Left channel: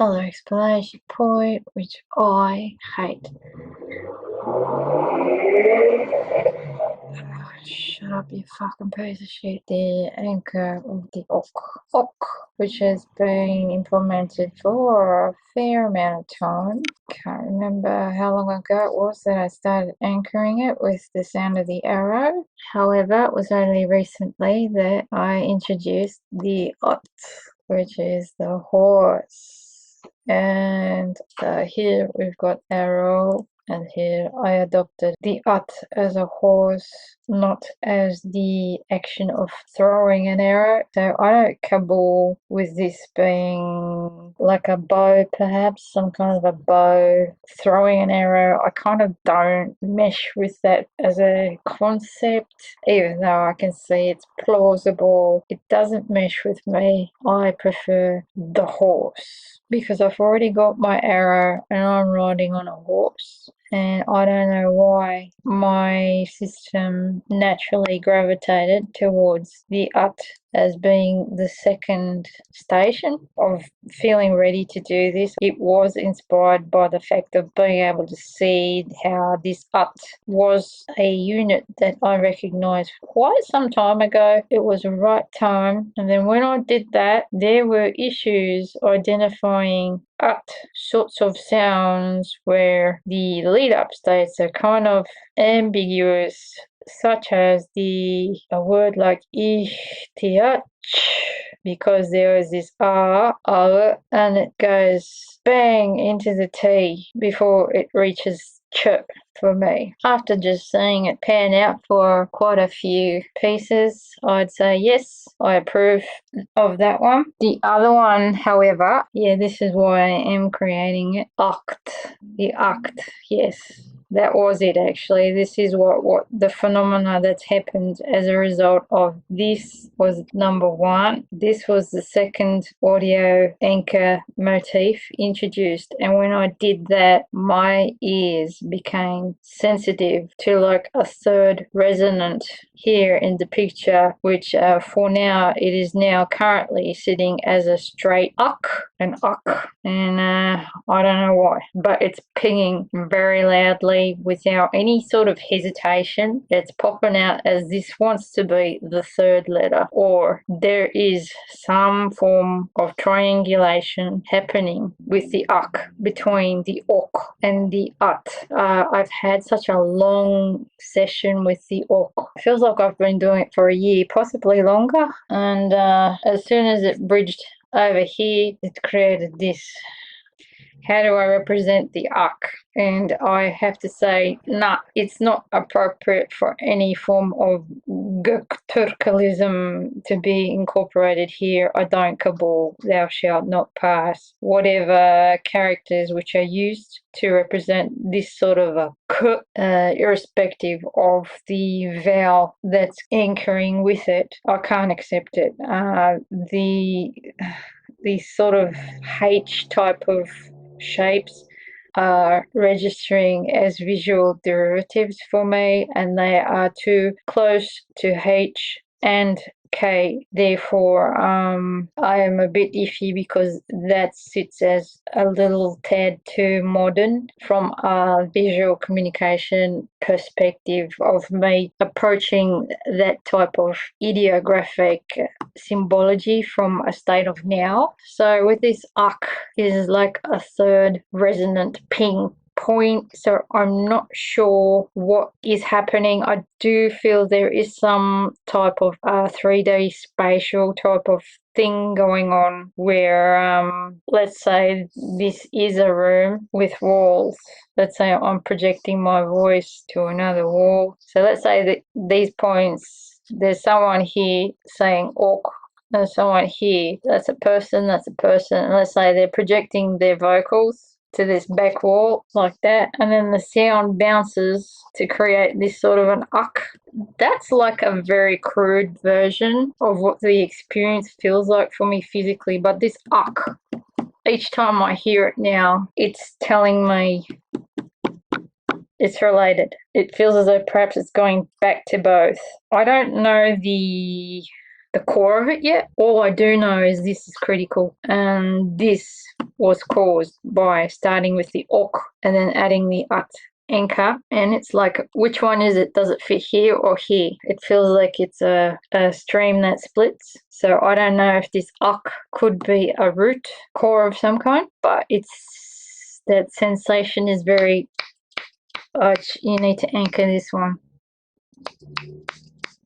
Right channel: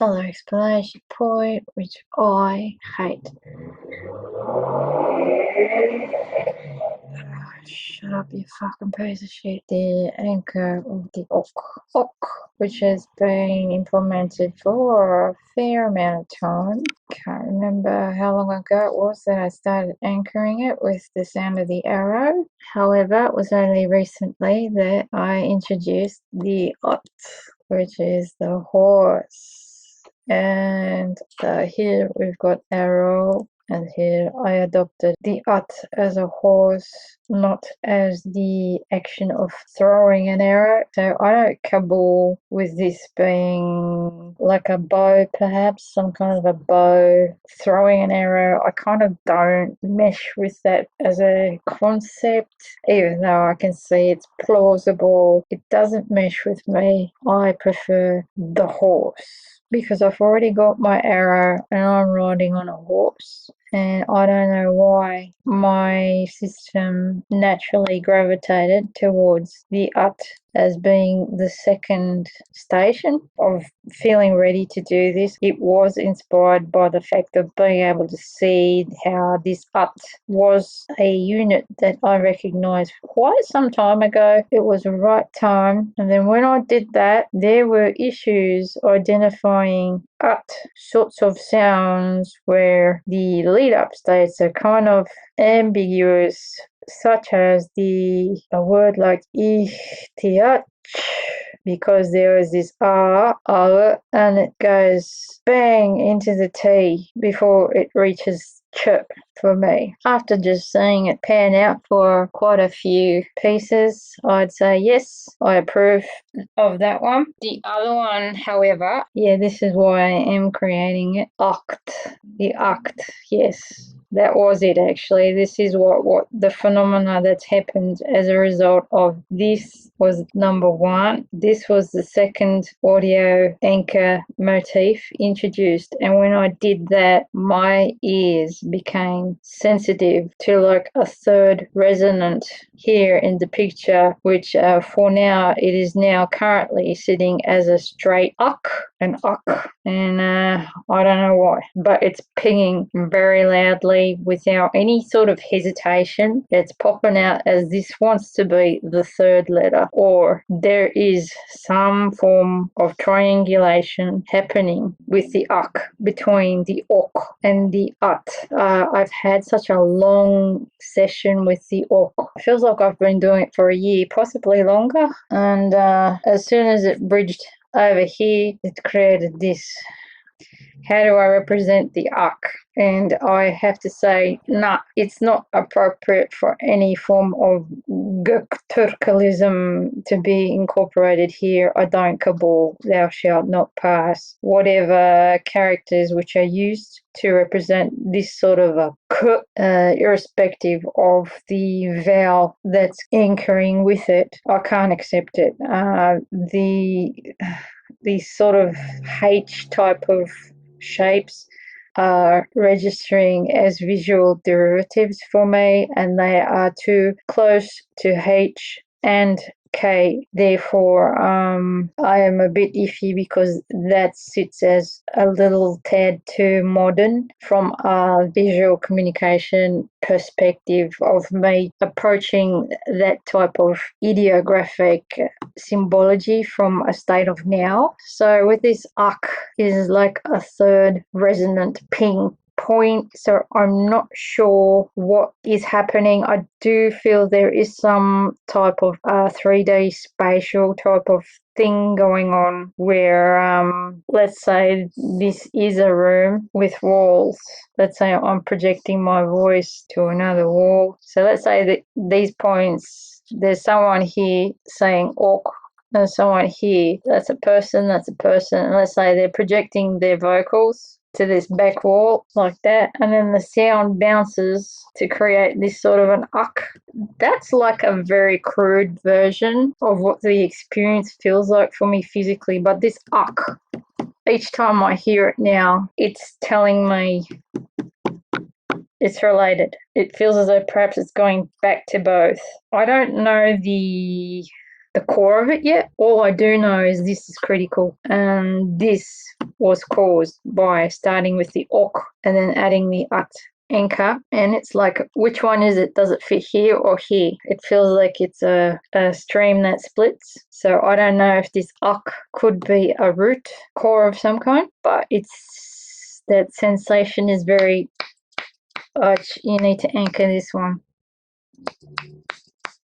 Other explanation point, which I hate. Shut up, you fucking piece of shit. The anchor of the ok, which has been implemented for a fair amount of time. Can't remember how long ago it was that I started anchoring it with the sound of the arrow. However, it was only recently that I introduced the ot, which is the horse. And here we've got arrow, and here I adopted the ot as a horse, not as the action of throwing an arrow. So I don't cabal with this being like a bow, perhaps, some kind of a bow, throwing an arrow. I kind of don't mesh with that as a concept, even though I can see it's plausible. It doesn't mesh with me. I prefer the horse because I've already got my arrow and I'm riding on a horse. And I don't know why my system naturally gravitated towards the ut as being the second station of feeling ready to do this. It was inspired by the fact of being able to see how this ut was a unit that I recognised quite some time ago. It was the right time, and then when I did that, there were issues identifying ut sorts of sounds where the lead up states are kind of ambiguous, such as a word like ihtiyat, because there is this and it goes bang into the T before it reaches chirp for me. After just seeing it pan out for quite a few pieces, I'd say yes, I approve of that one. The other one, however, this is why I am creating it. The oct, yes. That was it, actually. This is what the phenomena that's happened as a result of this was number one. This was the second audio anchor motif introduced, and when I did that, my ears became sensitive to like a third resonant here in the picture, which for now it is now currently sitting as a straight and I don't know why, but it's pinging very loudly without any sort of hesitation. It's popping out as this wants to be the third letter, or there is some form of triangulation happening with the between the ok and the ut. I've had such a long session with the ok. It feels like I've been doing it for a year, possibly longer, and as soon as it bridged over here, it created this. How do I represent the uk? And I have to say, nah, it's not appropriate for any form of Türkürism to be incorporated here. I don't cabal, thou shalt not pass. Whatever characters which are used to represent this sort of a k, irrespective of the vowel that's anchoring with it, I can't accept it. The sort of H type of shapes are registering as visual derivatives for me, and they are too close to H and K. Therefore, I am a bit iffy because that sits as a little tad too modern from a visual communication perspective of me approaching that type of ideographic symbology from a state of now. So with this uk is like a third resonant ping point, so I'm not sure what is happening. I do feel there is some type of 3D spatial type of thing going on where let's say this is a room with walls. Let's say I'm projecting my voice to another wall. So let's say that these points, there's someone here saying awk, and someone here, that's a person, and let's say they're projecting their vocals to this back wall like that, and then the sound bounces to create this sort of an uk. That's like a very crude version of what the experience feels like for me physically, but this uk, each time I hear it now, it's telling me it's related. It feels as though perhaps it's going back to both. I don't know the the core of it yet. All I do know is this is critical, and this was caused by starting with the ok and then adding the at anchor, and it's like, which one is it? Does it fit here or here? It feels like it's a stream that splits. So I don't know if this ak could be a root core of some kind, but it's that sensation is very you need to anchor this one.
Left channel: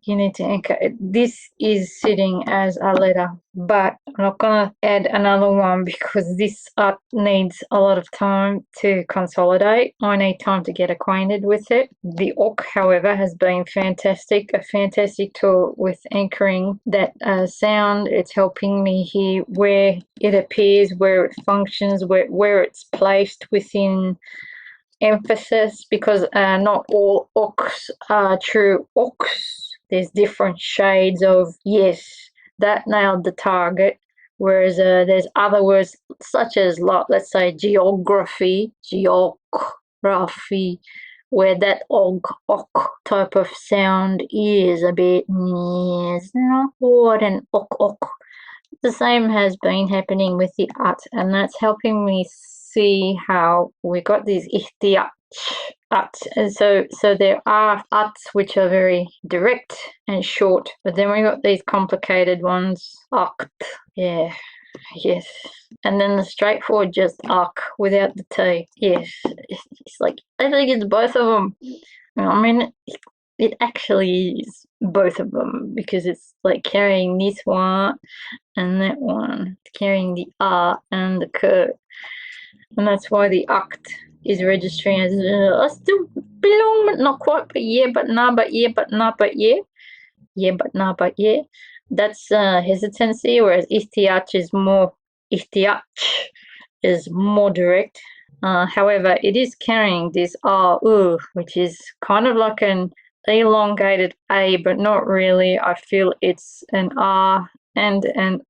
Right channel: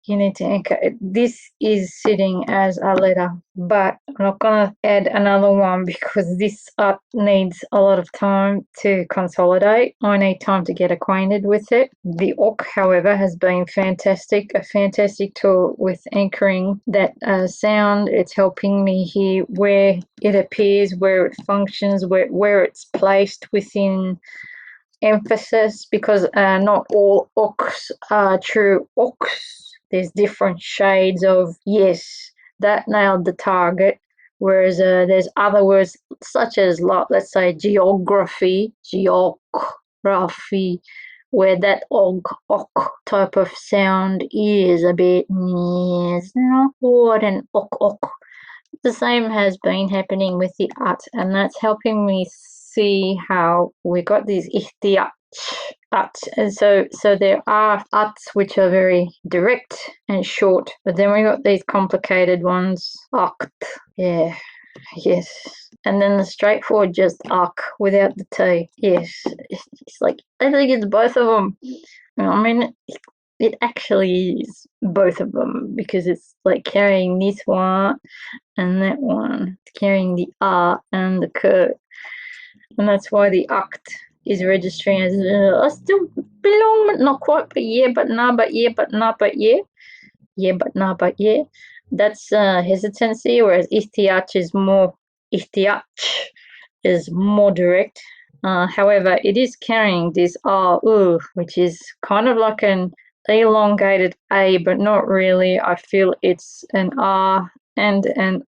You need to anchor it. This is sitting as a letter, but I'm not gonna add another one because this art needs a lot of time to consolidate. I need time to get acquainted with it. The ok, however, has been fantastic, a fantastic tool with anchoring that sound. It's helping me hear where it appears, where it functions, where it's placed within emphasis, because not all oks are true oks. There's different shades of yes, that nailed the target. Whereas there's other words such as, let's say, geography, where that ok type of sound is a bit, it's not quite an ok. The same has been happening with the at, and that's helping me see how we got these ihtiyat at, and so there are ats which are very direct and short, but then we got these complicated ones, akt, yeah, yes, and then the straightforward just ak without the t, yes. It's like, I think it's both of them. I mean, it actually is both of them, because it's like carrying this one and that one, it's carrying the a and the k, and that's why the akt is registering as I still belong, but not quite, but yeah, but nah, but yeah, but nah, but yeah, yeah, but nah, but yeah. That's hesitancy, whereas ihtiyaj is more direct. However, it is carrying this which is kind of like an elongated a, but not really. I feel it's an r and an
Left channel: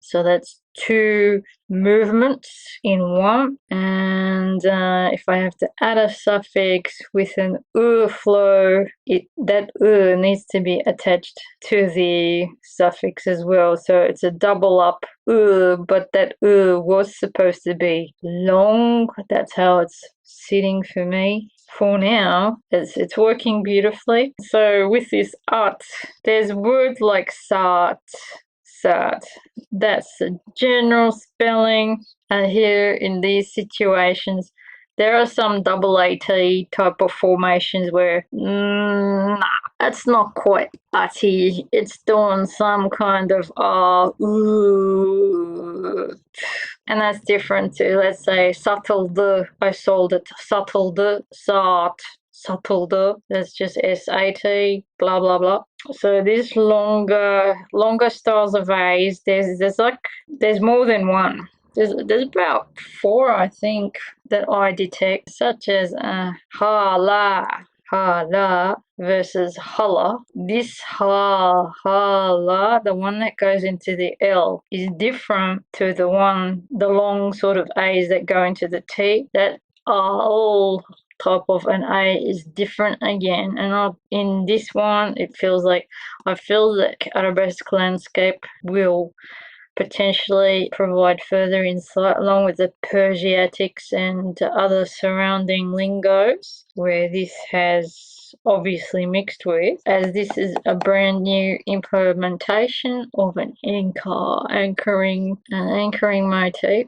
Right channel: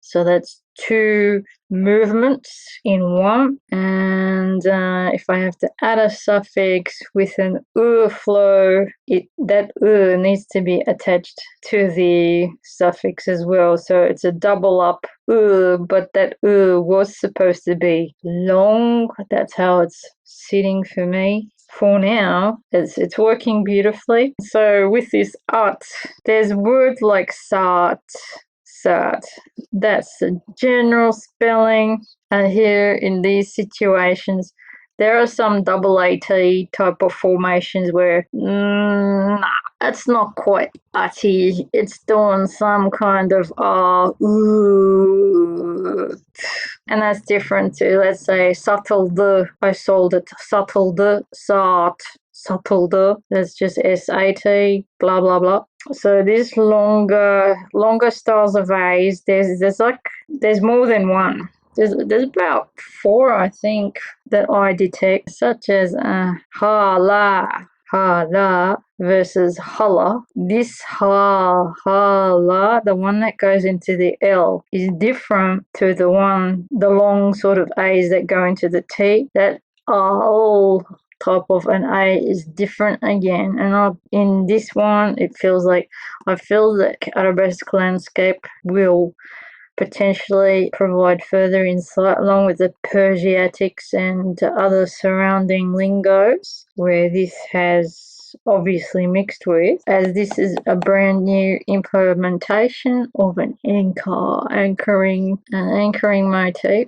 so that's two movements in one. And if I have to add a suffix with an flow, that needs to be attached to the suffix as well. So it's a double up but that was supposed to be long. That's how it's sitting for me. For now, it's working beautifully. So with this art, there's words like sat, that's the general spelling. And here in these situations, there are some double AT type of formations where it's not quite AT. It's doing some kind of and that's different to, let's say, satıldı, I sold it, satıldı, satıldı, that's just SAT, blah blah blah. So these longer styles of A's, there's more than one. There's about 4, I think, that I detect, such as hala versus hala. This hala, the one that goes into the L, is different to the long sort of A's that go into the T. That all type of an A is different again, and in this one, I feel that arabesque landscape will potentially provide further insight, along with the Persiatics and other surrounding lingos, where this has obviously mixed with, as this is a brand new implementation of an anchoring motif,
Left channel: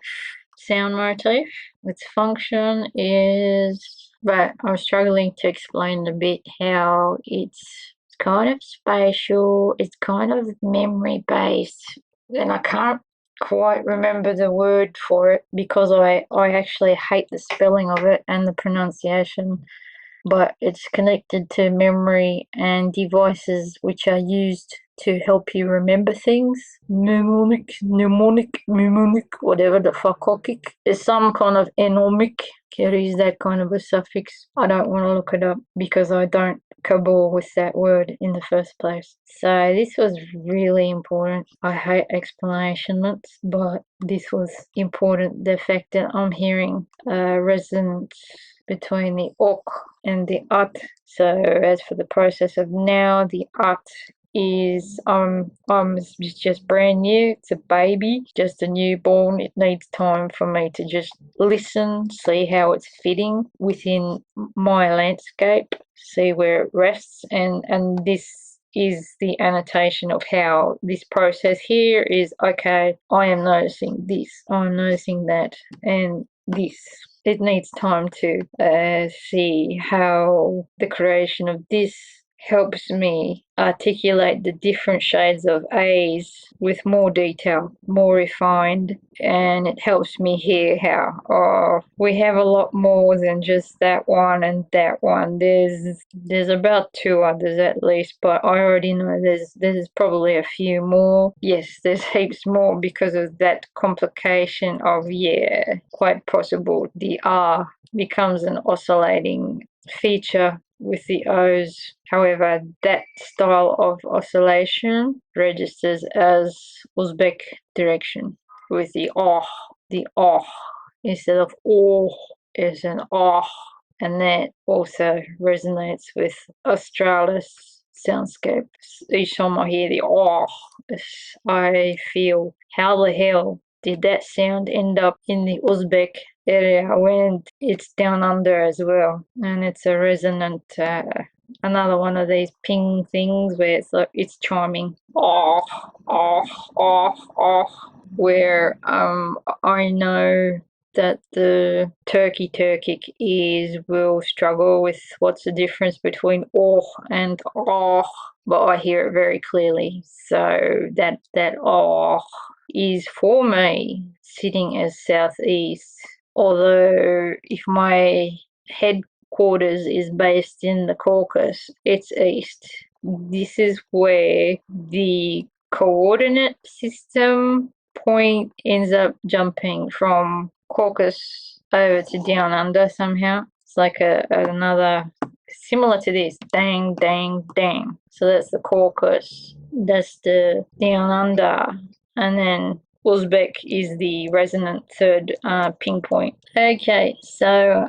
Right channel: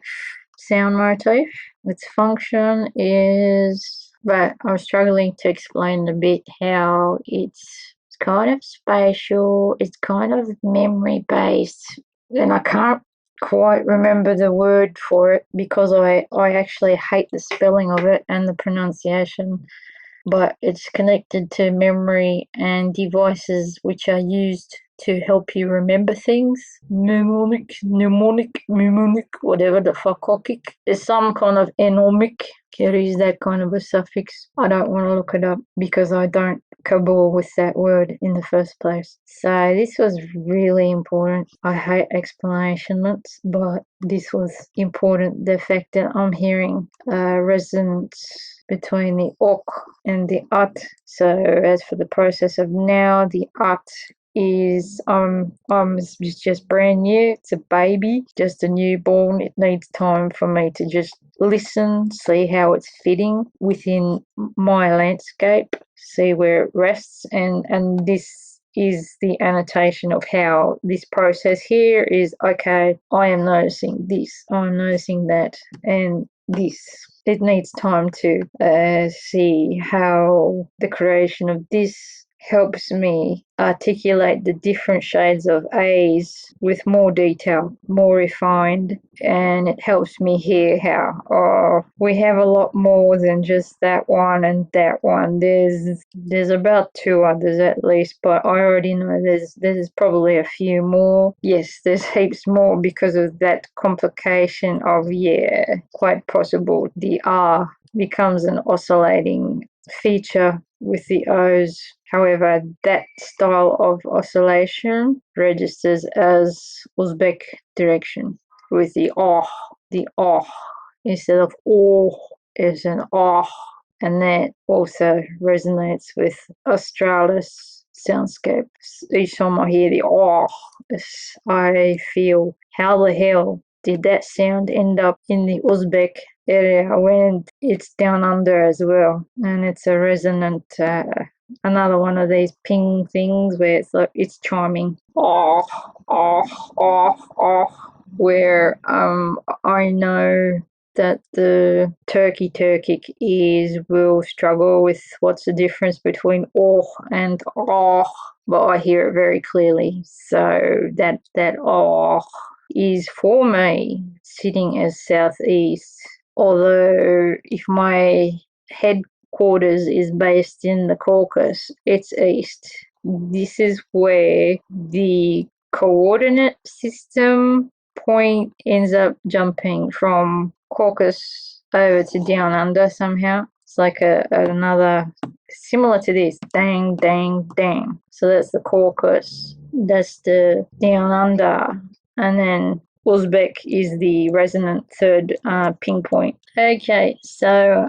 sound motif. Its function is, but I'm struggling to explain a bit how it's kind of spatial, it's kind of memory based, and I can't quite remember the word for it because I actually hate the spelling of it and the pronunciation, but it's connected to memory and devices which are used to help you remember things. Mnemonic, whatever the fuck. There's some kind of enomic carries that kind of a suffix. I don't want to look it up because I don't cabal with that word in the first place. So this was really important. I hate explanationlets, but this was important. The fact that I'm hearing resonance between the ok and the at. So as for the process of now, the at is it's just brand new. It's a baby, just a newborn. It needs time for me to just listen, see how it's fitting within my landscape, see where it rests, and this is the annotation of how this process here is. Okay, I am noticing this, I'm noticing that, and this. It needs time to see how the creation of this helps me articulate the different shades of A's with more detail, more refined, and it helps me hear how we have a lot more than just that one and that one. There's about 2 others at least, but I already know there's probably a few more. Yes, there's heaps more because of that complication of, yeah, quite possible the R becomes an oscillating feature with the O's. However, that style of oscillation registers as Uzbek direction with the oh instead of oh is an oh, and that also resonates with Australis soundscape. Each time I hear the oh, I feel, how the hell did that sound end up in the Uzbek area when it's down under as well? And it's a resonant, another one of these ping things where it's like it's chiming, where I know that the Turkic will struggle with what's the difference between oh and oh, but I hear it very clearly. So that oh is for me sitting as southeast, although if my headquarters is based in the Caucasus, it's east. This is where the coordinate system point ends up jumping from Caucasus over to down under somehow. It's like another similar to this, dang, dang, dang. So that's the Caucasus, that's the down under, and then Uzbek is the resonant third ping point. Okay, so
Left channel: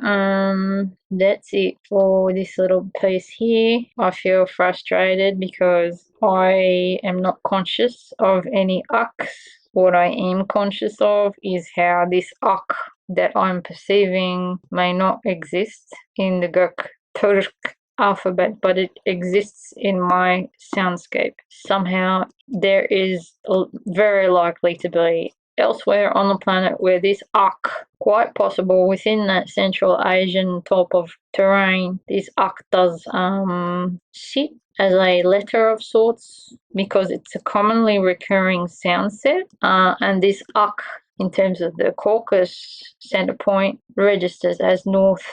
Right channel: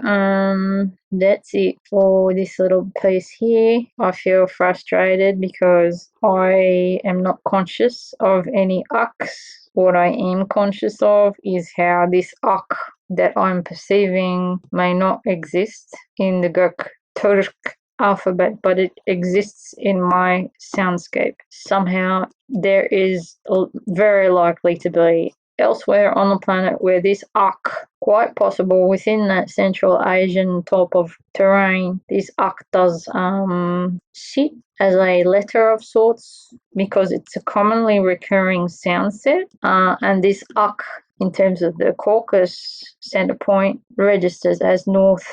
that's it for this little piece here. I feel frustrated because I am not conscious of any uks. What I am conscious of is how this uk that I'm perceiving may not exist in the Türk alphabet, but it exists in my soundscape. Somehow there is very likely to be elsewhere on the planet where this uk, quite possible within that Central Asian type of terrain, this uk does sit as a letter of sorts because it's a commonly recurring sound set, and this uk in terms of the Caucasus center point registers as north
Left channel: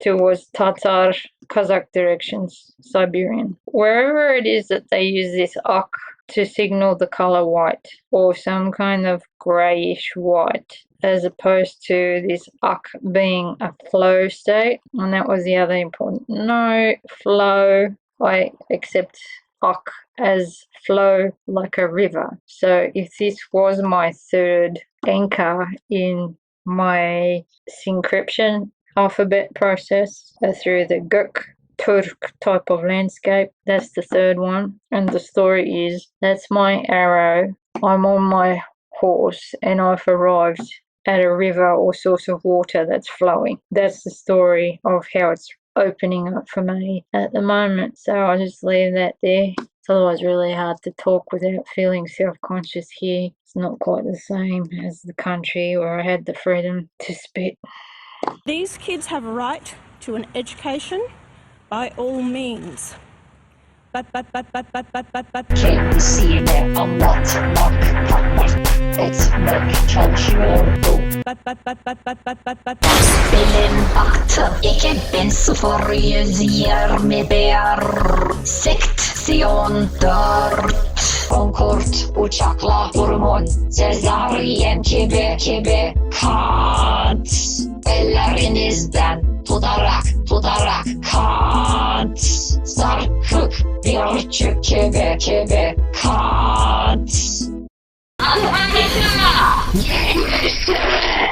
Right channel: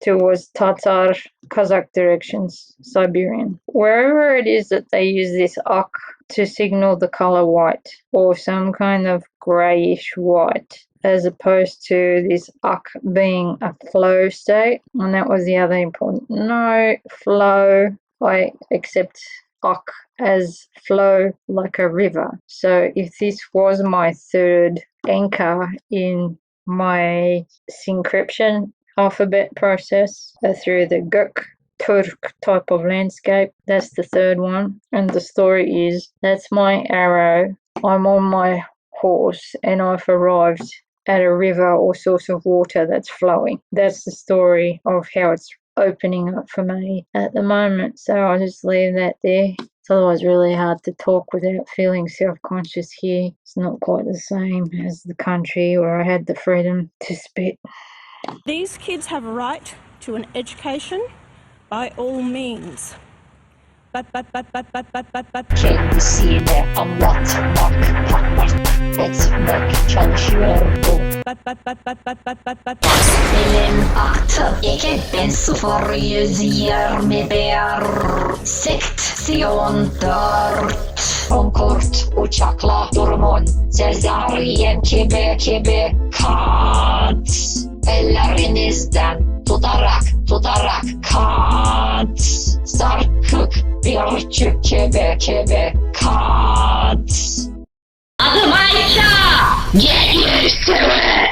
towards Tatar, Kazakh directions, Siberian. Wherever it is that they use this uk to signal the color white or some kind of grayish white, as opposed to this uk being a flow state. And that was the other important note. Flow, I accept uk as flow like a river. So if this was my third anchor in my syncryption alphabet process through the Gök Turk type of landscape, that's the third one. And the story is, that's my arrow. I'm on my horse and I've arrived at a river or source of water that's flowing. That's the story of how it's opening up for me at the moment. So I'll just leave that there. It's otherwise really hard to talk without feeling self-conscious here. It's not quite the same as the country where I had the freedom to spit. These kids have a right to an education by all means. But. Can you see me? I'm not It's not çalışıyor. Benim aktım 2121 seksiyon 4 Concorde uçakla durumun Sezaryen gibi Kahn't ellerinizden tutarak Kahn't sarkık bir çük gibi Kahn't Adım Ayşe! Get used to it!